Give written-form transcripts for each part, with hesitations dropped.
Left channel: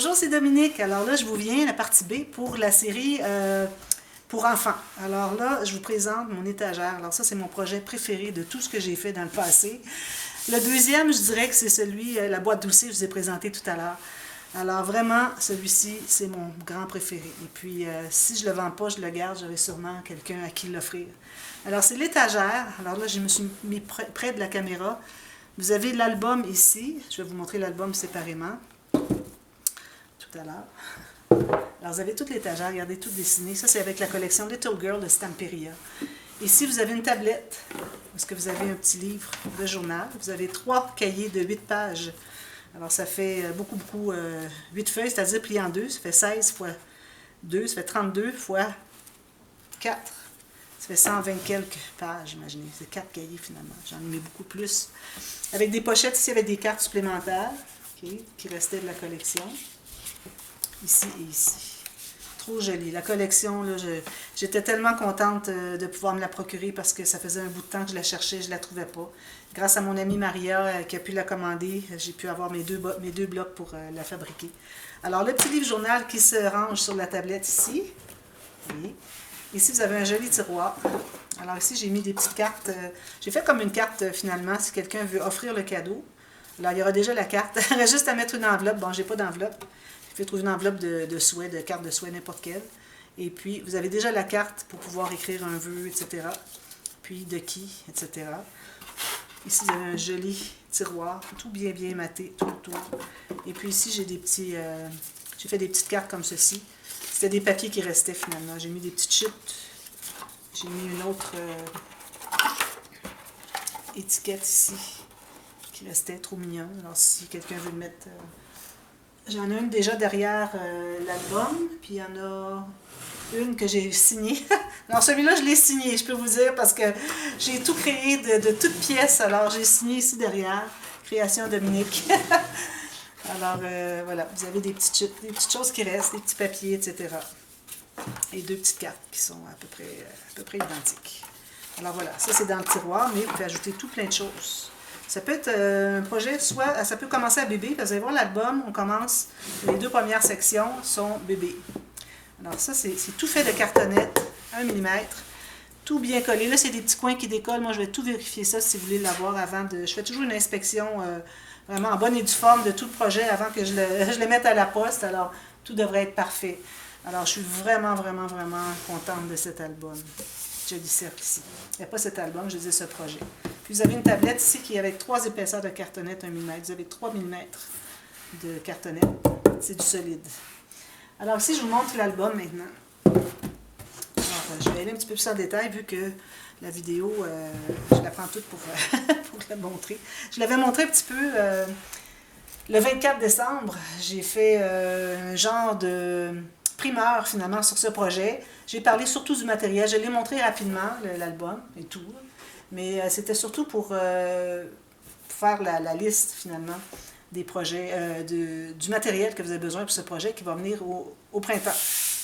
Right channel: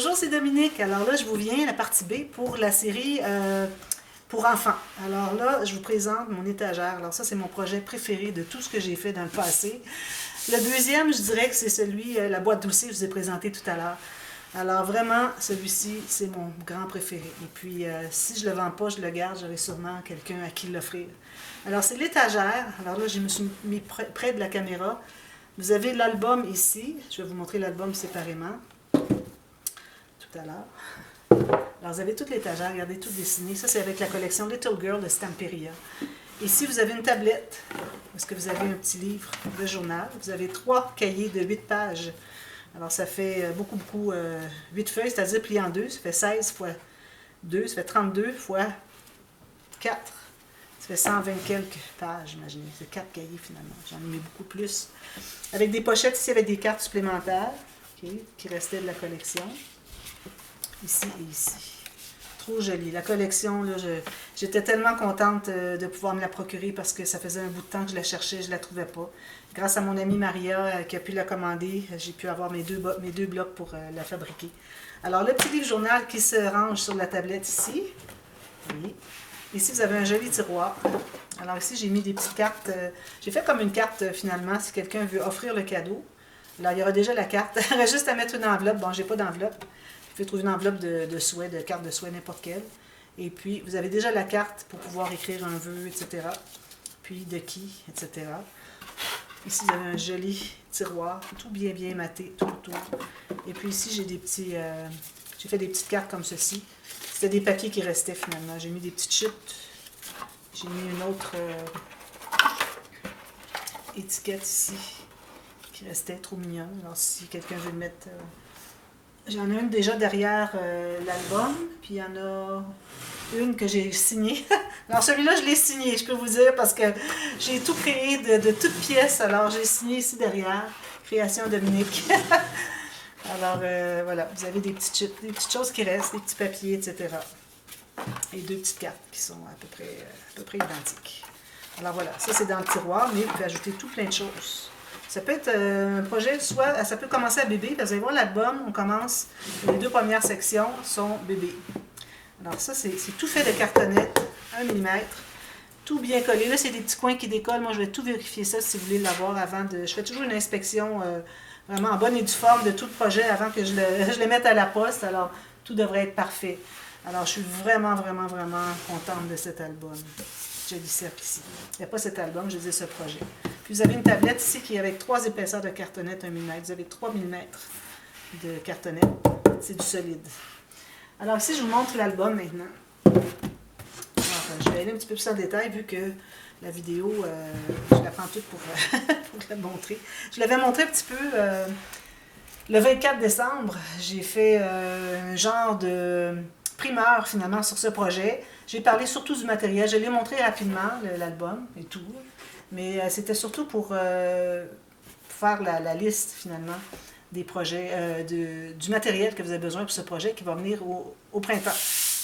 Bonjour, c'est Dominique. Alors là, je vous viens la partie B pour la série pour enfants. Alors là, je vous présente mon étagère. Alors ça, c'est mon projet préféré de tout ce que j'ai fait dans le passé. Le deuxième, je dirais que c'est celui, la boîte d'outils que je vous ai présenté tout à l'heure. Alors vraiment, celui-ci, c'est mon grand préféré. Et puis, si je ne le vends pas, je le garde, j'aurai sûrement quelqu'un à qui l'offrir. Alors, c'est l'étagère. Alors là, je me suis mis près de la caméra. Vous avez l'album ici. Je vais vous montrer l'album séparément. Tout à l'heure. Alors, vous avez toute l'étagère, regardez, tout dessiné. Ça, c'est avec la collection Little Girl de Stamperia. Ici, vous avez une tablette, parce que vous avez un petit livre de journal. Vous avez 3 cahiers de 8 pages. Alors, ça fait beaucoup, 8 feuilles, c'est-à-dire plié en 2. Ça fait 16 fois 2, ça fait 32 fois 4. Ça fait 120 quelques pages, imaginez. C'est 4 cahiers, finalement. J'en ai mis beaucoup plus. Avec des pochettes ici, avec des cartes supplémentaires, qui restaient de la collection. Ici et ici. Trop joli. La collection, j'étais tellement contente de pouvoir me la procurer parce que ça faisait un bout de temps que je la cherchais, je ne la trouvais pas. Grâce à mon amie Maria qui a pu la commander, j'ai pu avoir mes deux blocs pour la fabriquer. Alors, le petit livre journal qui se range sur la tablette ici. Oui. Ici, vous avez un joli tiroir. Alors ici, j'ai mis des petites cartes. J'ai fait comme une carte finalement, si quelqu'un veut offrir le cadeau. Alors, il y aura déjà la carte. Il reste juste à mettre une enveloppe. Bon, j'ai pas d'enveloppe. Vous pouvez trouver une enveloppe de souhait, de carte de souhait, n'importe quelle. Et puis, vous avez déjà la carte pour pouvoir écrire un vœu, etc. Puis, de qui, etc. Ici, vous avez un joli tiroir, tout bien maté, tout autour. Et puis ici, j'ai des petits... j'ai fait des petites cartes comme ceci. C'était des papiers qui restaient, finalement. J'ai mis des petites chutes. J'ai mis une autre étiquette ici, qui restait trop mignonne. Alors, si quelqu'un veut le mettre... J'en ai une déjà derrière l'album, puis il y en a une que j'ai signée. Alors celui-là, je l'ai signé, je peux vous dire, parce que j'ai tout créé de toutes pièces. Alors j'ai signé ici derrière, Création Dominique. Alors voilà, vous avez des petites choses qui restent, des petits papiers, etc. Et 2 petites cartes qui sont à peu près identiques. Alors voilà, ça c'est dans le tiroir, mais vous pouvez ajouter tout plein de choses. Ça peut être un projet, soit ça peut commencer à bébé. Vous allez voir l'album, on commence, les 2 premières sections sont bébé. Alors ça, c'est tout fait de cartonnette, 1 mm, tout bien collé. Là, c'est des petits coins qui décollent. Moi, je vais tout vérifier ça si vous voulez l'avoir avant de... Je fais toujours une inspection vraiment en bonne et due forme de tout le projet avant que je le mette à la poste. Alors, tout devrait être parfait. Alors, je suis vraiment contente de cet album. Je dis cercle ici. Il n'y a pas cet album, je dis ce projet. Puis vous avez une tablette ici qui est avec 3 épaisseurs de cartonnette 1 mm. Vous avez 3 mm de cartonnette. C'est du solide. Alors ici, je vous montre l'album maintenant. Alors, je vais aller un petit peu plus en détail vu que la vidéo, je la prends toute pour la montrer. Je l'avais montré un petit peu le 24 décembre. J'ai fait un genre de primeur finalement sur ce projet. J'ai parlé surtout du matériel. Je l'ai montré rapidement, l'album et tout. Mais c'était surtout pour faire la liste finalement des projets, du matériel que vous avez besoin pour ce projet qui va venir au printemps,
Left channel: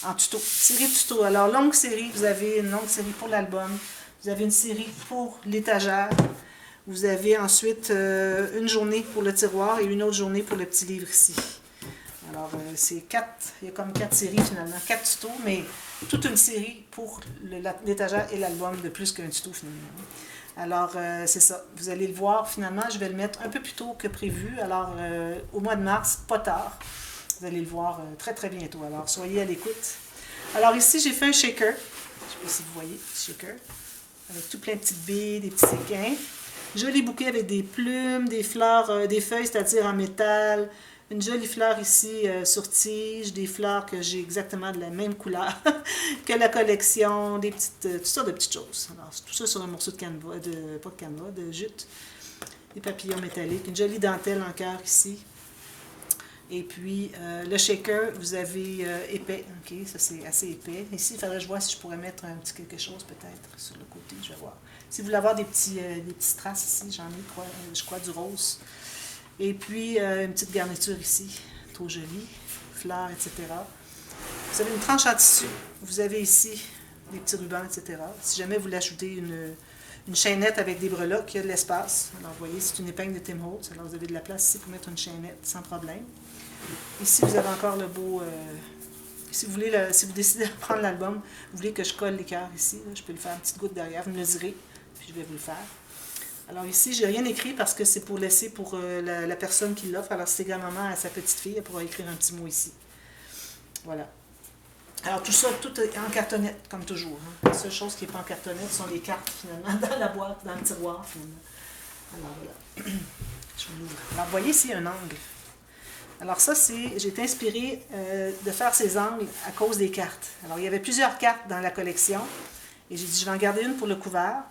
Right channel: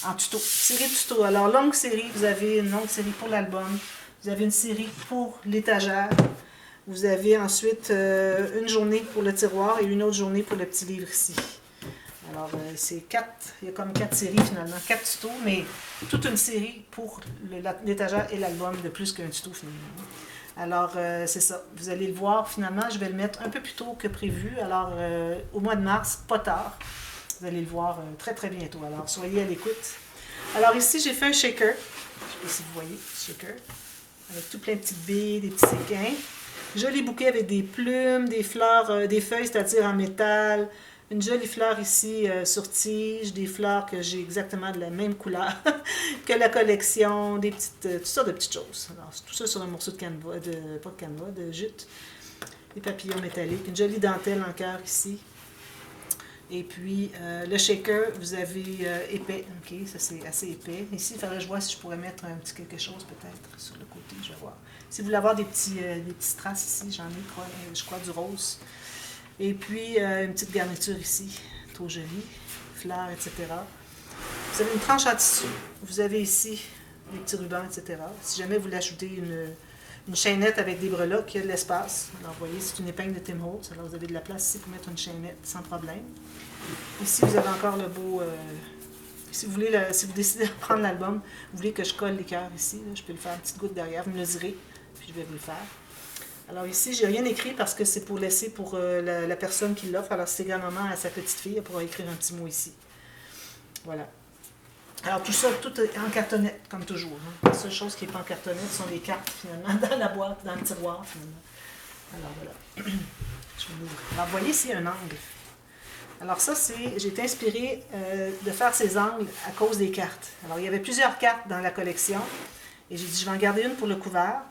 en tuto. Série de tuto. Alors, longue série, vous avez une longue série pour l'album. Vous avez une série pour l'étagère. Vous avez ensuite une journée pour le tiroir et une autre journée pour le petit livre ici. Alors, c'est 4, il y a comme 4 séries finalement, 4 tutos, mais toute une série pour l'étagère et l'album de plus qu'un tuto finalement. Alors, c'est ça. Vous allez le voir finalement, je vais le mettre un peu plus tôt que prévu. Alors, au mois de mars, pas tard. Vous allez le voir très bientôt. Alors, soyez à l'écoute. Alors ici, j'ai fait un shaker. Je ne sais pas si vous voyez, shaker. Avec tout plein de petites billes, des petits séquins. Joli bouquet avec des plumes, des fleurs, des feuilles, c'est-à-dire en métal. Une jolie fleur ici sur tige, des fleurs que j'ai exactement de la même couleur que la collection, des petites, toutes sortes de petites choses. Alors, tout ça sur un morceau de canevas, pas de canevas, de jute. Des papillons métalliques, une jolie dentelle en cœur ici. Et puis, le shaker, vous avez épais, ok, ça c'est assez épais. Ici, il faudrait que je vois si je pourrais mettre un petit quelque chose peut-être sur le côté, je vais voir. Si vous voulez avoir des petits strass ici, j'en ai, je crois, du rose. Et puis, une petite garniture ici, trop jolie, fleurs, etc. Vous avez une tranche en tissu. Vous avez ici des petits rubans, etc. Si jamais vous voulez ajouter une chaînette avec des breloques, il y a de l'espace. Alors, vous voyez, c'est une épingle de Tim Holtz. Alors, vous avez de la place ici pour mettre une chaînette sans problème. Ici, vous avez encore le beau... si vous voulez, si vous décidez de prendre l'album, vous voulez que je colle les cœurs ici, là, je peux le faire une petite goutte derrière, vous me le direz, puis je vais vous le faire. Alors ici, j'ai rien écrit parce que c'est pour laisser pour la personne qui l'offre. Alors c'est également à sa petite fille, elle pourra écrire un petit mot ici. Voilà. Alors tout ça, tout est en cartonnette, comme toujours. Hein. La seule chose qui n'est pas en cartonnette sont les cartes, finalement, dans la boîte, dans le tiroir, finalement. Alors voilà. Je l'ouvre. Alors vous voyez ici un angle. Alors ça, j'ai été inspirée de faire ces angles à cause des cartes. Alors il y avait plusieurs cartes dans la collection. Et j'ai dit, je vais en garder une pour le couvert.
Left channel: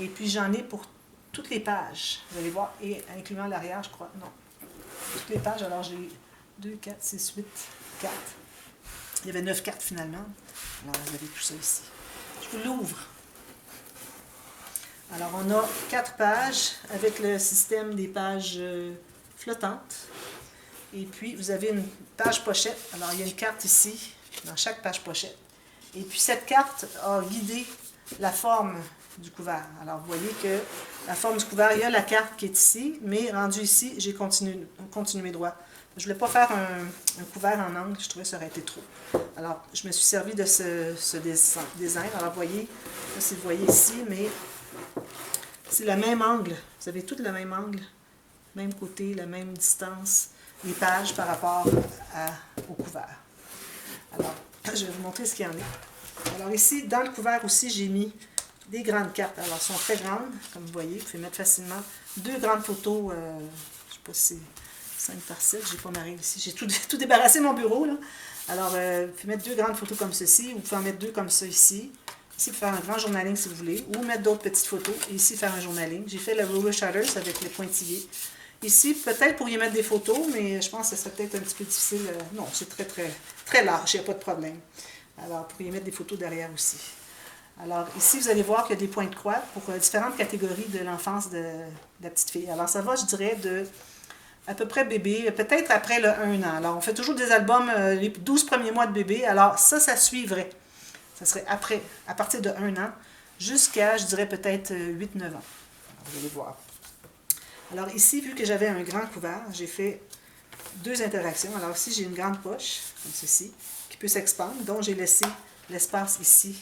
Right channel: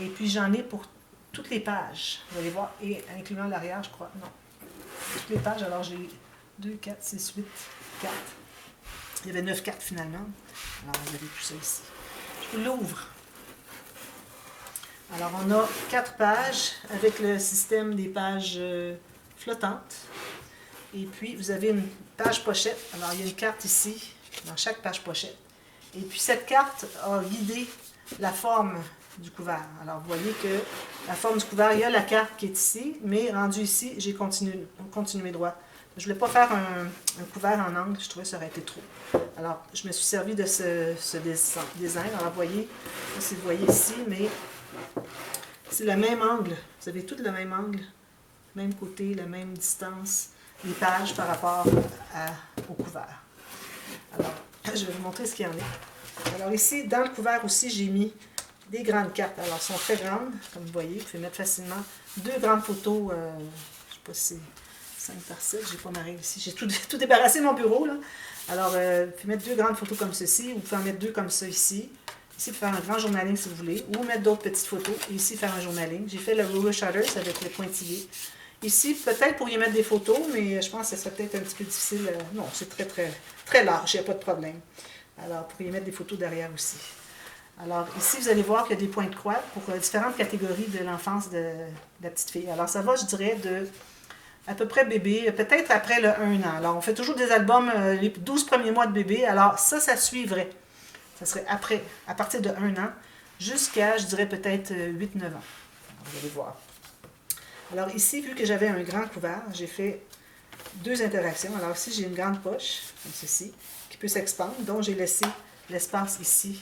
Et puis j'en ai pour toutes les pages. Vous allez voir, et incluant l'arrière, je crois. Non. Toutes les pages, alors j'ai 2, 4, 6, 8 cartes. Il y avait 9 cartes finalement. Alors vous avez tout ça ici. Je vous l'ouvre. Alors on a 4 pages avec le système des pages flottantes. Et puis vous avez une page pochette. Alors il y a une carte ici, dans chaque page pochette. Et puis cette carte a guidé la forme du couvert. Alors vous voyez que la forme du couvert, il y a la carte qui est ici, mais rendu ici, j'ai continué droit. Je ne voulais pas faire un couvert en angle, je trouvais que ça aurait été trop. Alors je me suis servi de ce design. Alors vous voyez, je ne sais si vous voyez ici, mais c'est le même angle. Vous avez tout le même angle, même côté, la même distance, les pages par rapport au couvert. Alors, je vais vous montrer ce qu'il y en a. Alors ici, dans le couvert aussi, j'ai mis des grandes cartes. Alors, elles sont très grandes, comme vous voyez. Vous pouvez mettre facilement 2 grandes photos. Je ne sais pas si c'est 5 par 7. Je n'ai pas ma règle ici. J'ai tout débarrassé de mon bureau, là. Alors, vous pouvez mettre 2 grandes photos comme ceci. Ou vous pouvez en mettre 2 comme ça ici. Ici, faire un grand journaling si vous voulez. Ou mettre d'autres petites photos. Et ici, faire un journaling. J'ai fait le roller shutters avec les pointillés. Ici, peut-être pour y mettre des photos, mais je pense que ça serait peut-être un petit peu difficile. Non, c'est très large, il n'y a pas de problème. Alors, pour y mettre des photos derrière aussi. Alors, ici, vous allez voir qu'il y a des points de croix pour différentes catégories de l'enfance de la petite fille. Alors, ça va, je dirais, de à peu près bébé, peut-être après le 1 an. Alors, on fait toujours des albums les 12 premiers mois de bébé. Alors, ça suivrait. Ça serait après, à partir de 1 an, jusqu'à, je dirais, peut-être 8-9 ans. Alors, vous allez voir. Alors ici, vu que j'avais un grand couvert, j'ai fait 2 interactions. Alors ici, j'ai une grande poche, comme ceci, qui peut s'expandre, dont j'ai laissé l'espace ici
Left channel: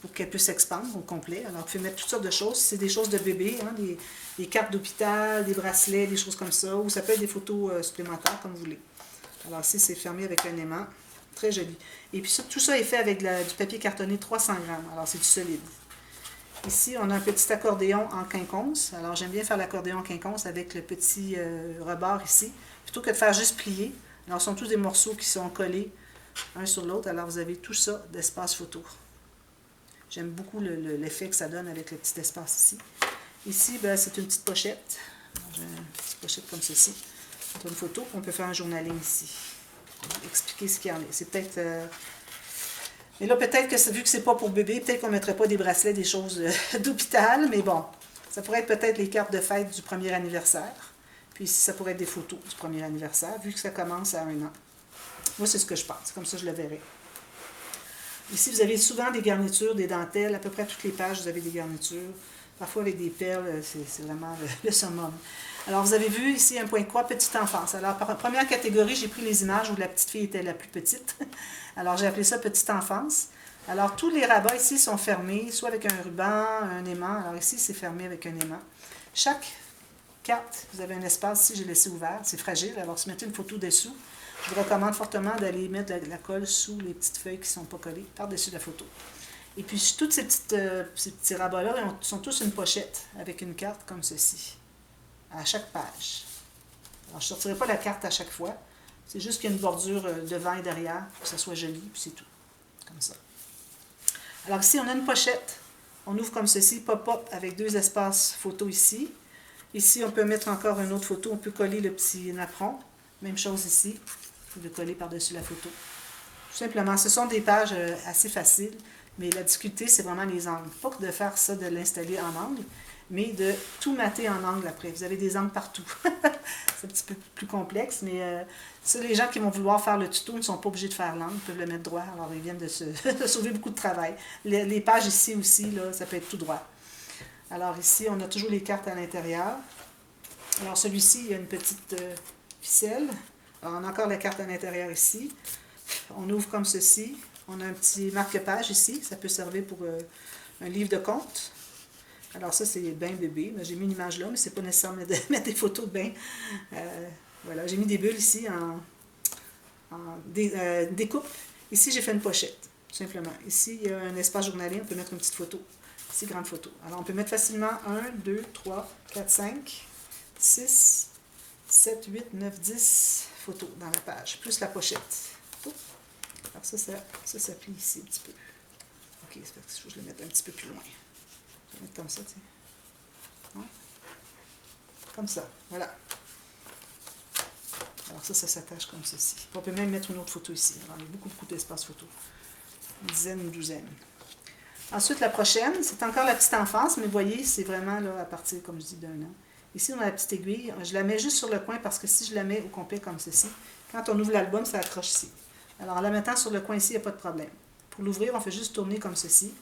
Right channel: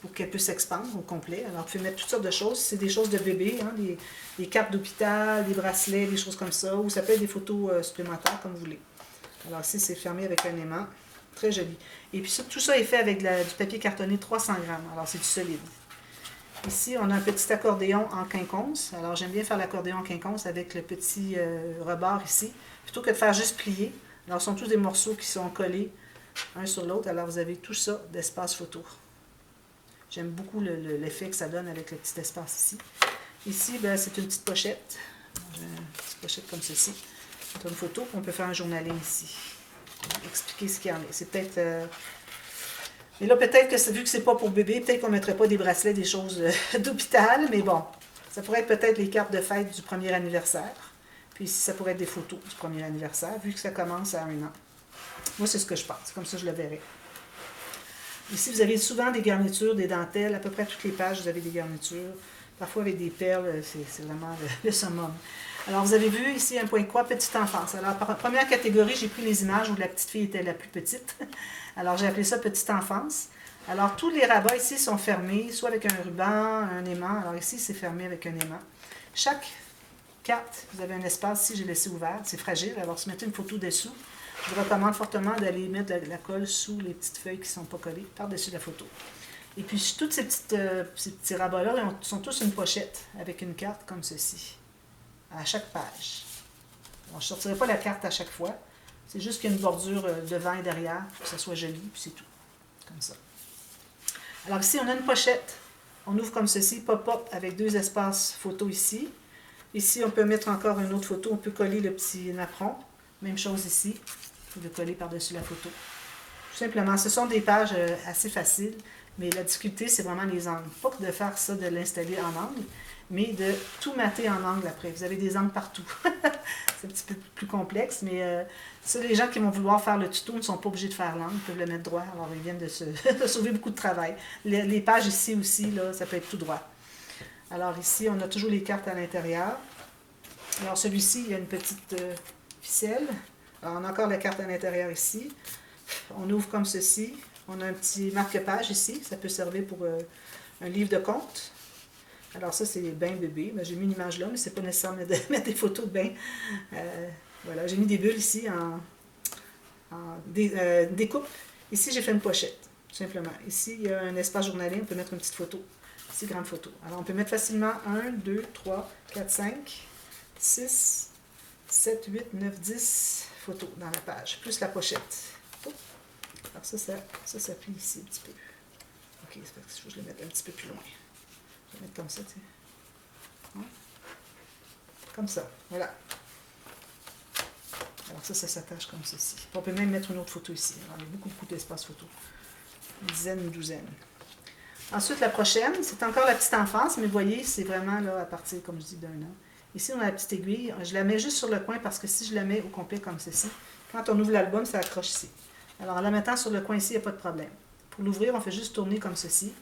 pour qu'elle puisse s'expandre au complet. Alors, vous pouvez mettre toutes sortes de choses. C'est des choses de bébé, hein, des cartes d'hôpital, des bracelets, des choses comme ça, ou ça peut être des photos supplémentaires, comme vous voulez. Alors ici, c'est fermé avec un aimant. Très joli. Et puis tout ça est fait avec du papier cartonné 300 grammes. Alors, c'est du solide. Ici, on a un petit accordéon en quinconce. Alors, j'aime bien faire l'accordéon en quinconce avec le petit rebord ici, plutôt que de faire juste plier. Alors, ce sont tous des morceaux qui sont collés un sur l'autre. Alors, vous avez tout ça d'espace photo. J'aime beaucoup l'effet que ça donne avec le petit espace ici. Ici, ben, c'est une petite pochette. J'ai une petite pochette comme ceci. C'est une photo. On peut faire un journaling ici. Expliquer ce qu'il y en a. C'est peut-être... Mais là, peut-être que vu que c'est pas pour bébé, peut-être qu'on ne mettrait pas des bracelets, des choses d'hôpital, mais bon, ça pourrait être peut-être les cartes de fête du premier anniversaire. Puis ici, ça pourrait être des photos du premier anniversaire, vu que ça commence à 1 an. Moi, c'est ce que je pense. Comme ça, je le verrai. Ici, vous avez souvent des garnitures, des dentelles. À peu près toutes les pages, vous avez des garnitures. Parfois avec des perles, c'est vraiment le summum. Alors, vous avez vu ici un point de croix, petite enfance. Alors, par première catégorie, j'ai pris les images où la petite fille était la plus petite. Alors, j'ai appelé ça petite enfance. Alors, tous les rabats ici sont fermés, soit avec un ruban, un aimant. Alors, ici, c'est fermé avec un aimant. Chaque carte, vous avez un espace ici, j'ai laissé ouvert. C'est fragile. Alors, si vous mettez une photo dessous, je vous recommande fortement d'aller mettre la colle sous les petites feuilles qui ne sont pas collées, par-dessus la photo. Et puis, toutes ces petits rabats-là sont tous une pochette avec une carte comme ceci, à chaque page. Alors, je ne sortirai pas la carte à chaque fois. C'est juste qu'il y a une bordure devant et derrière, pour que ça soit joli, puis c'est tout. Comme ça. Alors ici, on a une pochette. On ouvre comme ceci, pop-up, avec 2 espaces photo ici. Ici, on peut mettre encore une autre photo. On peut coller le petit napperon. Même chose ici. Vous pouvez coller par-dessus la photo. Tout simplement, ce sont des pages assez faciles, mais la difficulté, c'est vraiment les angles. Pas que de faire ça, de l'installer en angle, mais de tout mater en angle après. Vous avez des angles partout. C'est un petit peu plus complexe, mais les gens qui vont vouloir faire le tuto ne sont pas obligés de faire l'angle, ils peuvent le mettre droit, alors ils viennent de sauver beaucoup de travail. Les pages ici aussi, là, ça peut être tout droit. Alors ici, on a toujours les cartes à l'intérieur. Alors celui-ci, il y a une petite ficelle. Alors, on a encore la carte à l'intérieur ici. On ouvre comme ceci. On a un petit marque-page ici. Ça peut servir pour un livre de compte. Alors ça, c'est bain bébé. J'ai mis une image là, mais c'est pas nécessaire de mettre des photos de bain. Voilà, j'ai mis des bulles ici en découpe. Ici, j'ai fait une pochette, tout simplement. Ici, il y a un espace journalier. On peut mettre une petite photo. Ici, grande photo. Alors, on peut mettre facilement 1, 2, 3, 4, 5, 6, 7, 8, 9, 10 photos dans la page, plus la pochette. Oh. Alors ça plie ici un petit peu. Ok, c'est parce que je vais le mettre un petit peu plus loin. Je vais mettre comme ça, tu sais. Ouais. Comme ça, voilà. Alors ça s'attache comme ceci. On peut même mettre une autre photo ici. Alors, il y a beaucoup d'espace photo. Une dizaine, une douzaine. Ensuite, la prochaine, c'est encore la petite enfance, mais vous voyez, c'est vraiment là à partir, comme je dis, d'un an. Ici, on a la petite aiguille. Je la mets juste sur le coin parce que si je la mets au complet comme ceci, quand on ouvre l'album, ça accroche ici. Alors, en la mettant sur le coin ici, il n'y a pas de problème. Pour l'ouvrir, on fait juste tourner comme ceci.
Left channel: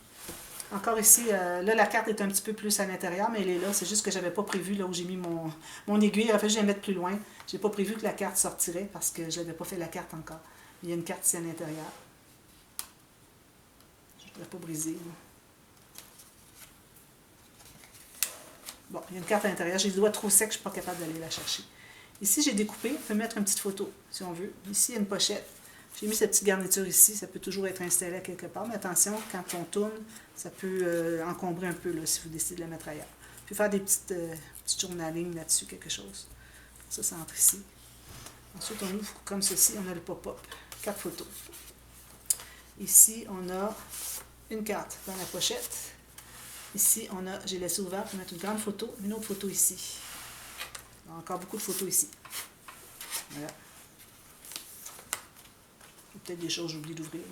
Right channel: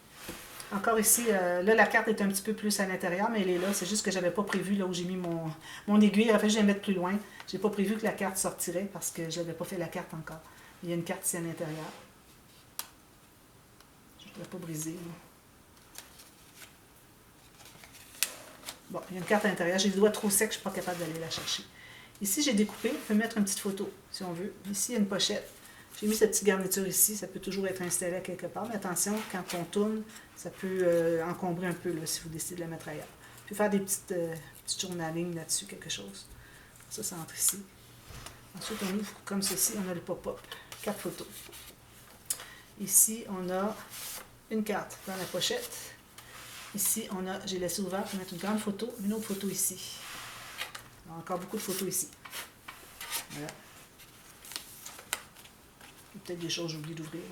Encore ici, là, la carte est un petit peu plus à l'intérieur, mais elle est là. C'est juste que je n'avais pas prévu, là où j'ai mis mon aiguille. En fait, je vais la mettre plus loin. Je n'ai pas prévu que la carte sortirait parce que je n'avais pas fait la carte encore. Il y a une carte ici à l'intérieur. Je ne voudrais pas briser. Là. Bon, il y a une carte à l'intérieur. J'ai les doigts trop secs, je ne suis pas capable d'aller la chercher. Ici, j'ai découpé. On peut mettre une petite photo, si on veut. Ici, il y a une pochette. J'ai mis cette petite garniture ici. Ça peut toujours être installé à quelque part. Mais attention, quand on tourne, ça peut encombrer un peu là, si vous décidez de la mettre ailleurs. Je peux faire des petites journaling là-dessus, quelque chose. Ça entre ici. Ensuite, on ouvre comme ceci. On a le pop-up. 4 photos. Ici, on a une carte dans la pochette. Ici, j'ai laissé ouvert pour mettre une grande photo, une autre photo ici. Encore beaucoup de photos ici. Voilà. Peut-être des choses que j'oublie d'ouvrir.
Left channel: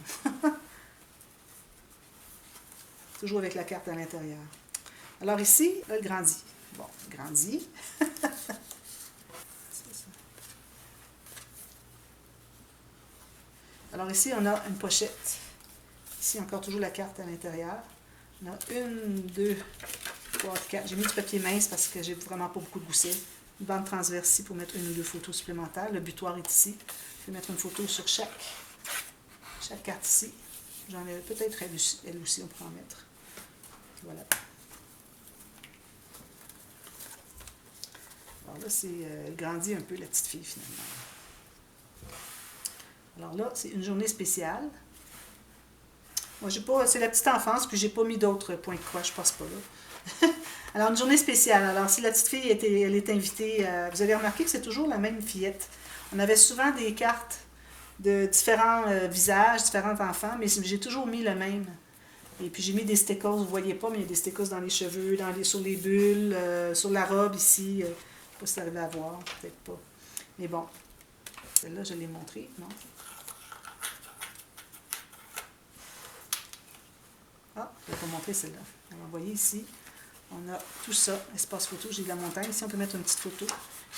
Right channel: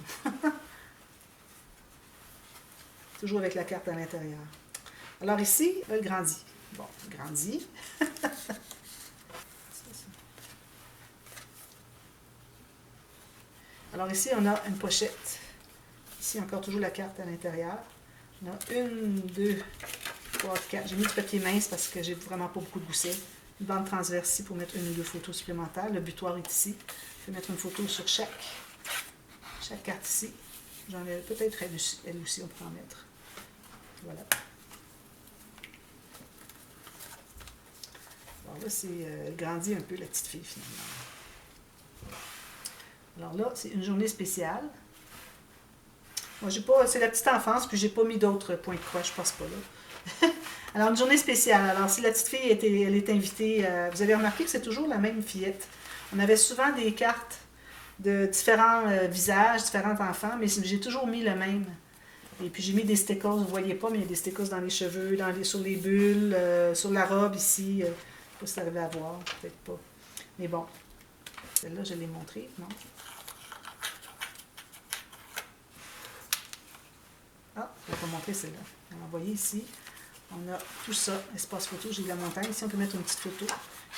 Toujours avec la carte à l'intérieur. Alors ici, elle grandit. Bon, elle grandit. Alors ici, on a une pochette. Ici, encore toujours la carte à l'intérieur. On a 1, 2, 3, 4. J'ai mis du papier mince parce que j'ai vraiment pas beaucoup de gousset. Une bande transverse ici pour mettre 1 ou 2 photos supplémentaires. Le butoir est ici. Je vais mettre une photo sur chaque carte ici. J'en ai peut-être elle aussi, on peut en mettre. Voilà. Alors là, elle grandit un peu, la petite fille, finalement. Alors là, c'est une journée spéciale. Moi, c'est la petite enfance, puis j'ai pas mis d'autres points de croix, je passe pas là. Alors, une journée spéciale. Alors, si la petite fille elle est invitée, vous avez remarqué que c'est toujours la même fillette. On avait souvent des cartes de différents visages, différents enfants, mais j'ai toujours mis le même. Et puis, j'ai mis des stickers, vous ne voyez pas, mais il y a des stickers dans les cheveux, sur les bulles, sur la robe ici. Je ne sais pas si vous arrivez à voir, peut-être pas. Mais bon, celle-là, je l'ai montrée, non? Ah, je ne vais pas montrer celle-là. Alors, vous voyez ici, on a tout ça, espace photo, j'ai de la montagne. Ici, on peut mettre une petite photo.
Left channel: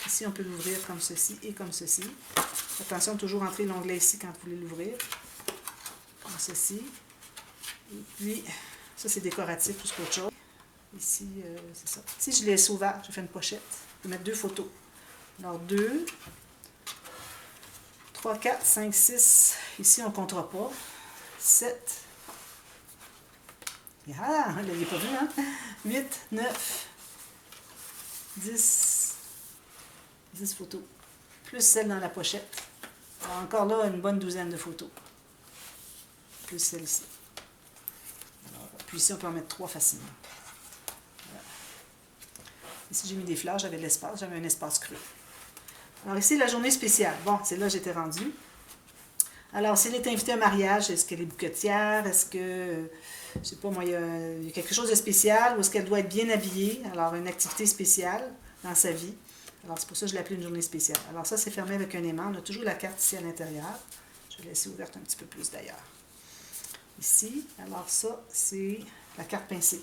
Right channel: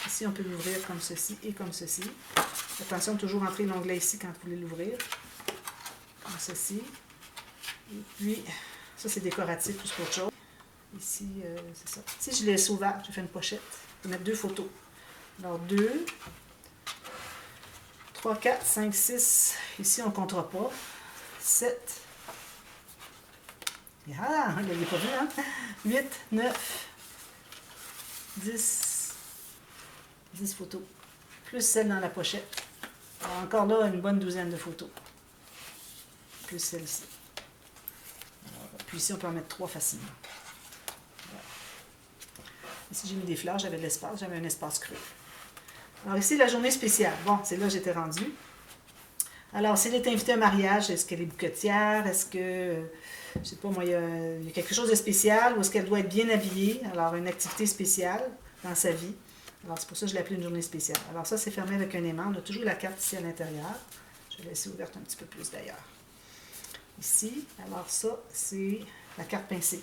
Ici, on peut l'ouvrir comme ceci et comme ceci. Attention, toujours entrer l'onglet ici quand vous voulez l'ouvrir. Comme ceci. Et puis, ça, c'est décoratif plus qu'autre chose. Ici, c'est ça. Si je laisse ouvert, je fais une pochette. Je vais mettre 2 photos. Alors, 2, 3, 4, 5, 6. Ici, on ne comptera pas. 7. Ah, vous ne l'avez pas vu, hein? 8, 9, 10. 10 photos. Plus celle dans la pochette. Alors, encore là, une bonne douzaine de photos. Plus celle-ci. Puis ici, on peut en mettre 3 facilement. Voilà. Ici, j'ai mis des fleurs, j'avais de l'espace, j'avais un espace creux. Alors ici, la journée spéciale. Bon, c'est là que j'étais rendue. Alors, si elle est invitée à un mariage, est-ce qu'elle est bouquetière? Est-ce que, je sais pas moi, il y a quelque chose de spécial ou est-ce qu'elle doit être bien habillée? Alors, une activité spéciale dans sa vie. Alors, c'est pour ça que je l'ai appelée une journée spéciale. Alors, ça, c'est fermé avec un aimant. On a toujours la carte ici à l'intérieur. Je vais laisser ouverte un petit peu plus d'ailleurs. Ici, alors ça, c'est la carte pincée.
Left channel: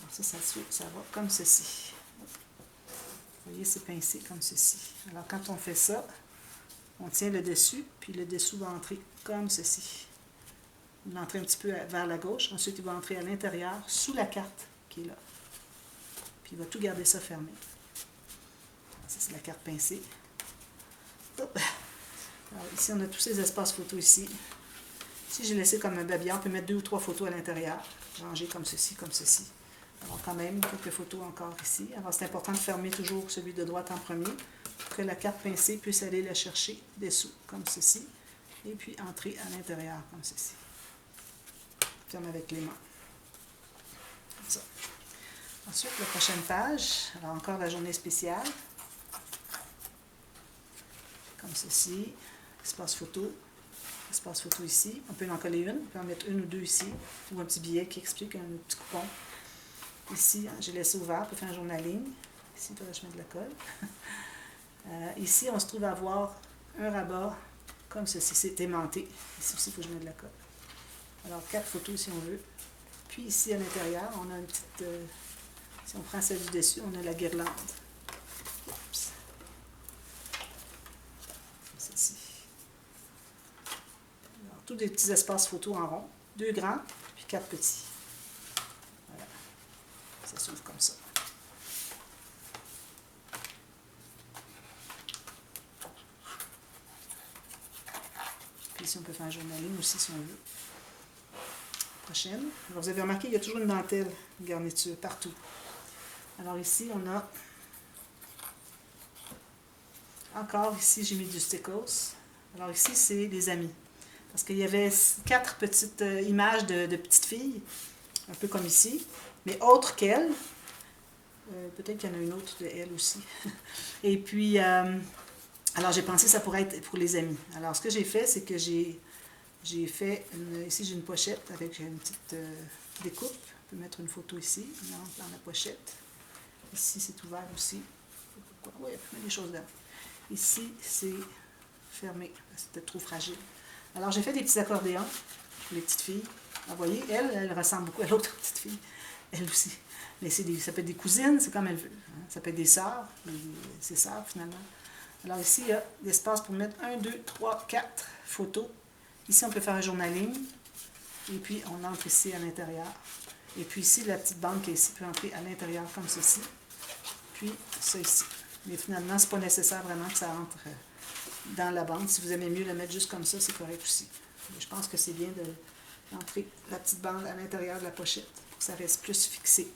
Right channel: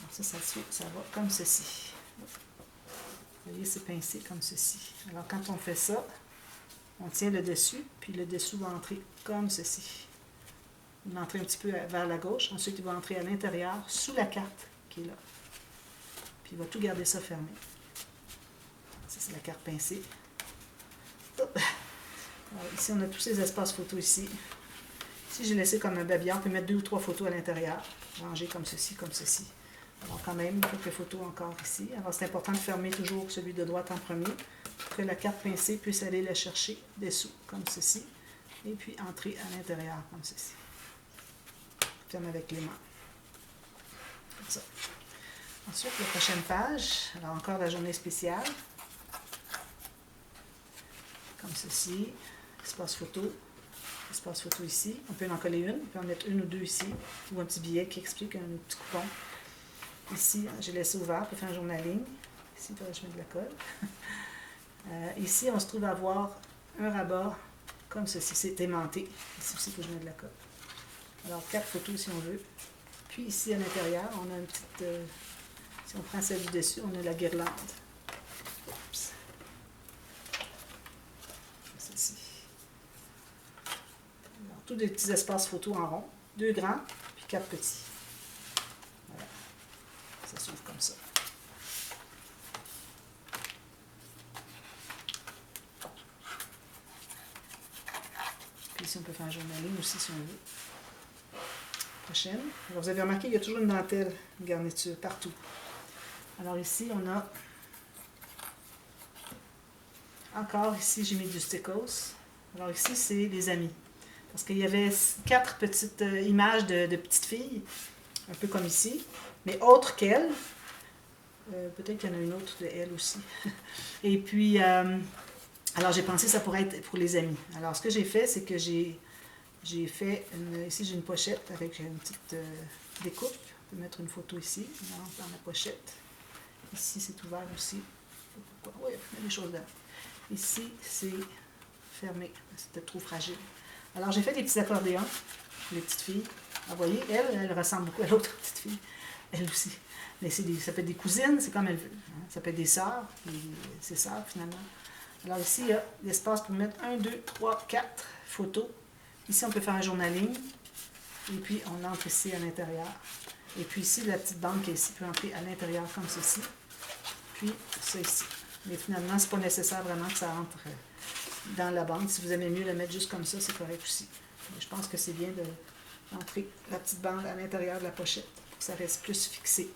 Alors ça va comme ceci. Vous voyez, c'est pincé comme ceci. Alors, quand on fait ça, on tient le dessus, puis le dessous va entrer comme ceci. Il va entrer un petit peu vers la gauche. Ensuite, il va entrer à l'intérieur, sous la carte qui est là. Puis, il va tout garder ça fermé. Ça, c'est la carte pincée. Alors, ici, on a tous ces espaces photos ici. Ici, j'ai laissé comme un babillard. On peut mettre 2 ou 3 photos à l'intérieur. Ranger comme ceci, comme ceci. Alors, quand même, quelques photos encore ici. Alors, c'est important de fermer toujours celui de droite en premier pour que la carte pincée puisse aller la chercher dessous, comme ceci. Et puis, entrer à l'intérieur, comme ceci. Ferme avec les mains. Comme ça. Ensuite, la prochaine page. Alors, encore la journée spéciale. Comme ceci. Espace photo. Espace photo ici. On peut en coller une. On peut en mettre une ou deux ici. Ou un petit billet qui explique un petit coupon. Ici, j'ai laissé ouvert pour faire un journaling. Ici, je mets de la colle. Ici, on se trouve à avoir un rabat comme ceci. C'est aimanté. Ici aussi, il faut que je mette de la colle. Alors, 4 photos si on veut. Puis ici, à l'intérieur, on a une petite... si on prend celle du dessus, on a la guirlande. Oups. Ceci. Alors, tous des petits espaces photos en rond. 2 grands, puis 4 petits. Voilà. Ça s'ouvre comme ça. Puis ici, on peut faire un journaling aussi si on veut. Prochaine. Alors, vous avez remarqué, il y a toujours une dentelle, une garniture, partout. Alors ici, on a encore, ici, j'ai mis du stickers. Alors ici, c'est les amis. Parce qu'il y avait 4 petites images de petites filles, un peu comme ici, mais autres qu'elles. Peut-être qu'il y en a une autre de elle aussi. Et puis, alors j'ai pensé que ça pourrait être pour les amis. Alors ce que j'ai fait, c'est que j'ai fait, ici j'ai une pochette avec une petite découpe. On peut mettre une photo ici, dans la pochette. Ici c'est ouvert aussi. Pourquoi? Oui, il y a des choses là. Ici c'est fermé, c'est peut-être trop fragile. Alors j'ai fait des petits accordéons pour les petites filles. vous voyez, elle ressemble beaucoup à l'autre petite fille, elle aussi. Mais ça peut être des cousines, c'est comme elle veut. Hein. Ça peut être des sœurs, ses sœurs finalement. Alors ici, il y a l'espace pour mettre 1, 2, 3, 4 photos. Ici, on peut faire un journaling. Et puis, on entre ici à l'intérieur. Et puis ici, la petite bande qui est ici peut entrer à l'intérieur comme ceci. Puis, ça ici. Mais finalement, ce n'est pas nécessaire vraiment que ça entre dans la bande. Si vous aimez mieux la mettre juste comme ça, c'est correct aussi. Mais je pense que c'est bien d'entrer la petite bande à l'intérieur de la pochette pour que ça reste plus fixé.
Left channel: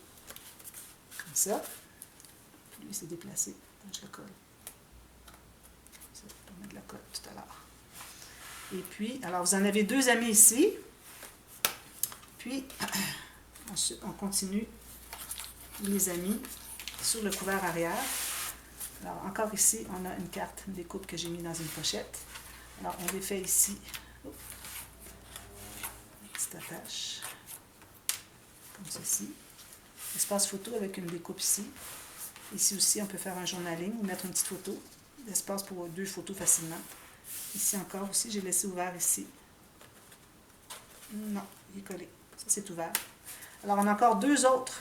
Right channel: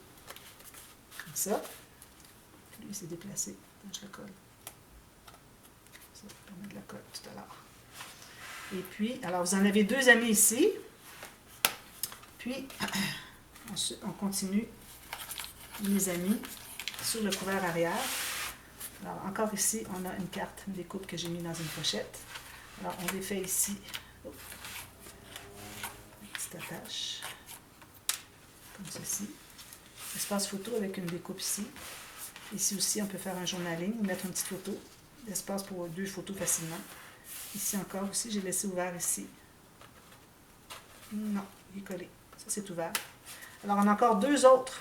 Comme ça. Puis lui, c'est déplacé. Je le colle. Ça, on met de la colle tout à l'heure. Et puis, alors vous en avez 2 amis ici. Puis, ensuite, on continue les amis sur le couvert arrière. Alors, encore ici, on a une carte, une découpe que j'ai mis dans une pochette. Alors, on défait ici. Une petite attache. Comme ceci. Espace photo avec une découpe ici. Ici aussi, on peut faire un journaling ou mettre une petite photo. L'espace pour 2 photos facilement. Ici encore aussi, j'ai laissé ouvert ici. Non, il est collé. Ça, c'est ouvert. Alors, on a encore 2 autres.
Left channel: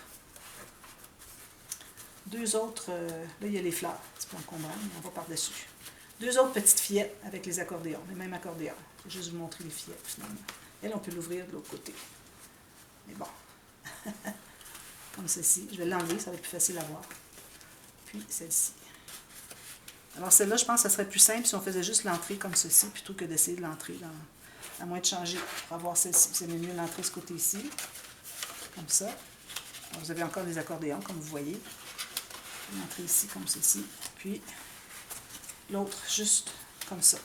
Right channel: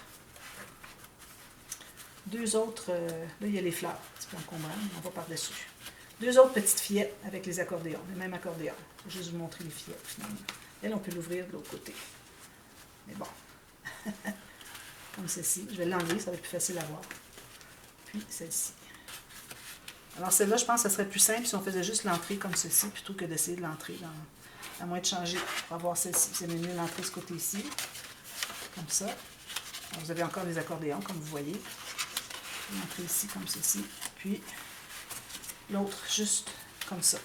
2 autres, là, il y a les fleurs. C'est pas encombrant, mais on va par-dessus. 2 autres petites fillettes avec les accordéons, les mêmes accordéons. Je vais juste vous montrer les fillettes, finalement. Elle, on peut l'ouvrir de l'autre côté. Mais bon. Comme ceci. Je vais l'enlever, ça va être plus facile à voir. Puis, celle-ci. Alors, celle-là, je pense que ça serait plus simple si on faisait juste l'entrée comme ceci, plutôt que d'essayer de l'entrer à moins de changer pour avoir celle-ci. C'est mieux l'entrée de ce côté-ci. Comme ça. Alors, vous avez encore des accordéons, comme vous voyez. L'entrée ici, comme ceci. Puis, l'autre, juste comme ça.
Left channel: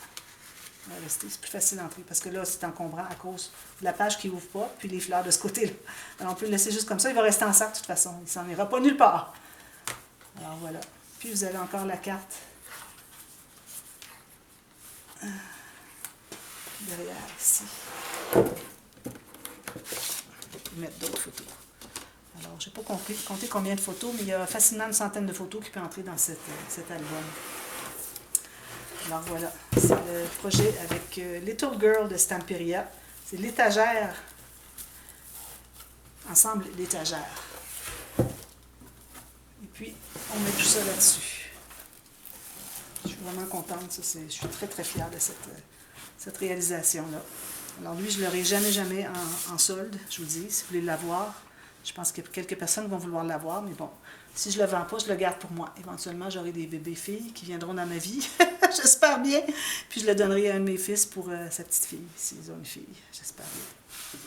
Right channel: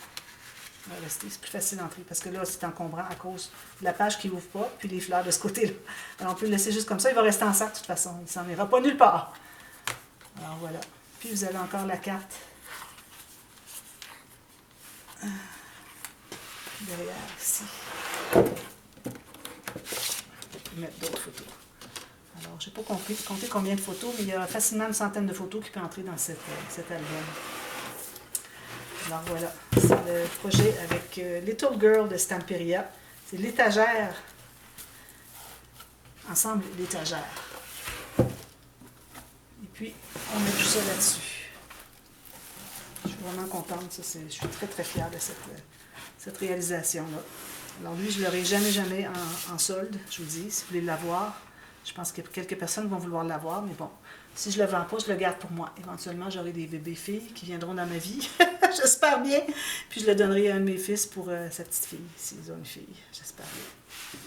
On va rester. C'est plus facile d'entrer parce que là, c'est encombrant à cause de la page qui n'ouvre pas, puis les fleurs de ce côté-là. Alors, on peut le laisser juste comme ça. Il va rester en sac de toute façon. Il ne s'en ira pas nulle part. Alors, voilà. Puis, vous avez encore la carte derrière ici. Mettre d'autres photos. Alors, je n'ai pas compté combien de photos, mais il y a facilement une centaine de photos qui peuvent entrer dans cet album. Alors voilà, c'est le projet avec Little Girl de Stamperia. C'est l'étagère, ensemble l'étagère. Et puis, on met tout ça là-dessus. Je suis vraiment contente, je suis très très fière de cette réalisation-là. Alors lui, je ne l'aurai jamais en solde, je vous dis, si vous voulez l'avoir. Je pense que quelques personnes vont vouloir l'avoir, mais bon, Si je ne le vends pas, je le garde pour moi. Éventuellement, j'aurai des bébés filles qui viendront dans ma vie. J'espère bien. Puis je le donnerai à un de mes fils pour sa petite fille, s'ils ont une fille. J'espère bien.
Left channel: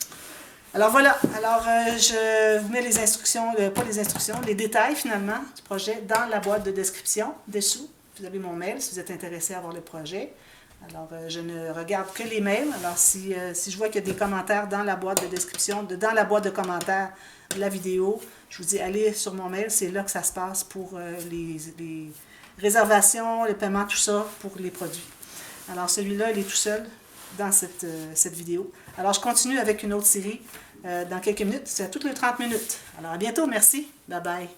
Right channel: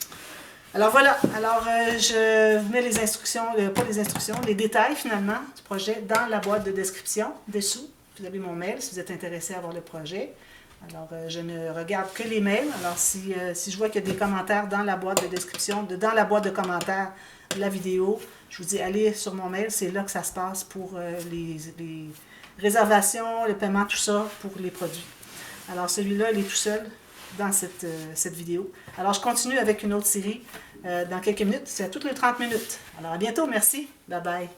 Alors voilà. Alors, je vous mets les instructions, pas les instructions, les détails finalement du projet dans la boîte de description dessous. Vous avez mon mail si vous êtes intéressé à voir le projet. Alors, je ne regarde que les mails. Alors, si je vois qu'il y a des commentaires dans la boîte de description, dans la boîte de commentaires de la vidéo, je vous dis, allez sur mon mail. C'est là que ça se passe pour les réservations, le paiement, tout ça, pour les produits. Alors, celui-là, il est tout seul dans cette vidéo. Alors, je continue avec une autre série dans quelques minutes. C'est à toutes les 30 minutes. Alors, à bientôt. Merci. Bye bye.